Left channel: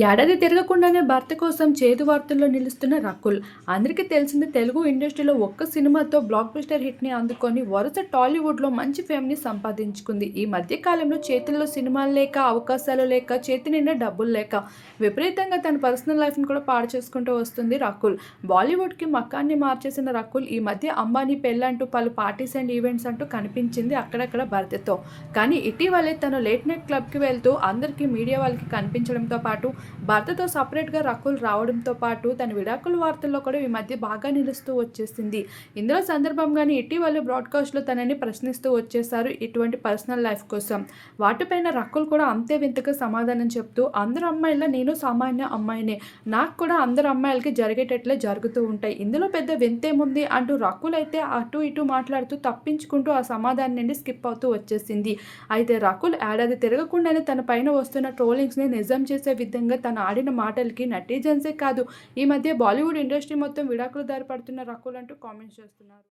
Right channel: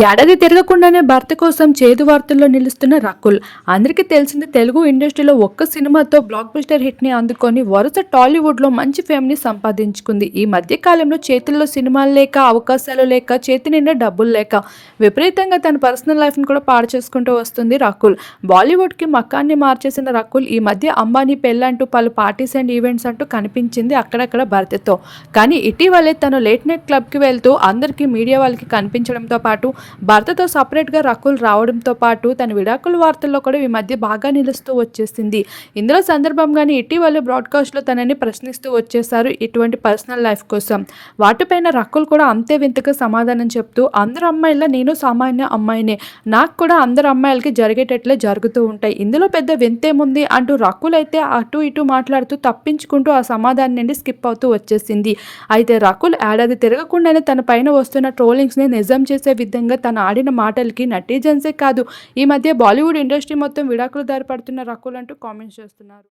ఏడాది తిరగకుండానే భర్త కోసం చేదు వార్తల్లో నిలుస్తున్న రకుల్. అందరికీ తెలిసింది, తెలుగు ఇండస్ట్రీలో ఒక్క సినిమాతో బ్లాక్ బస్టర్ హిట్ని అందుకొని వరుస టాలీవుడ్లో మంచి ఫేమ్ని సంపాదించుకుంది. ఈ మధ్య కాలంలో చేతుల్లో సినిమాలు లేక, అవకాశాలు లేక, చేతి నిండా డబ్బులు లేక విపరీతంగా తన పర్సనల్ లైఫ్ని కూడా పాడు చేసుకుంటూ వస్తుంది రకుల్. బాలీవుడ్కి మకాన్ని మార్చేసిన రకుల్ ఈ మధ్య అంబానీ పెళ్ళంటూ పలు పార్టీస్ అండ్ ఈవెంట్స్ అంటూ కనిపించింది అక్కడక్కడ భర్తతో. కానీ ఇటీవలే తను లేట్ నైట్ క్లబ్కి వెళ్తూ అందరికీ, మీడియా వాళ్ళకి కనిపించడంతో పాటు భర్తతో సపరేట్గా రకుల్ రావడంతో పాటు తన విడాకుల వార్తల్లో కూడా ఈ మధ్య బాగా నిలుస్తూ వచ్చేసింది. ఇందులో సందర్భంగానే ఇటీవల బ్రాడ్కాస్ట్లో తనని ప్రశ్నిస్తూ వచ్చేశారు ఇటువంటి పర్సనల్ లైఫ్ కోసం. వాటిపైన రకుల్ కూడా అంతే వింతగా సమాధానం చెప్తూ, అందరు అమ్మాయిలా నేను సామాన్య అమ్మాయినే, నాకు కూడా అందరు అమ్మాయిలకి జరిగేటట్లే జరుగుతూ ఉంటాయి, ఇందులో పెద్ద వింతేముంది అంటూ రకుల్ అయితే అటు ఇటు మాట్లాడుతూ తప్పించుకుంటూ ఆ సమాధానం నుండి స్కిప్ అవుతూ వచ్చేసింది. అయితే రకుల్ ఏడాది తిరగకుండానే తన పైన వస్తున్న ట్రోలింగ్స్ని నిజం చేసే విధంగా తను ఆడిన మాటలకి నెటిజన్సే కాదు, ఈ మధ్య బాలీవుడ్ ఇండస్ట్రీ మొత్తం విడాకుల దారి పడుతున్న రకుల్ అంటూ కామెంట్స్ చేస్తున్నారు.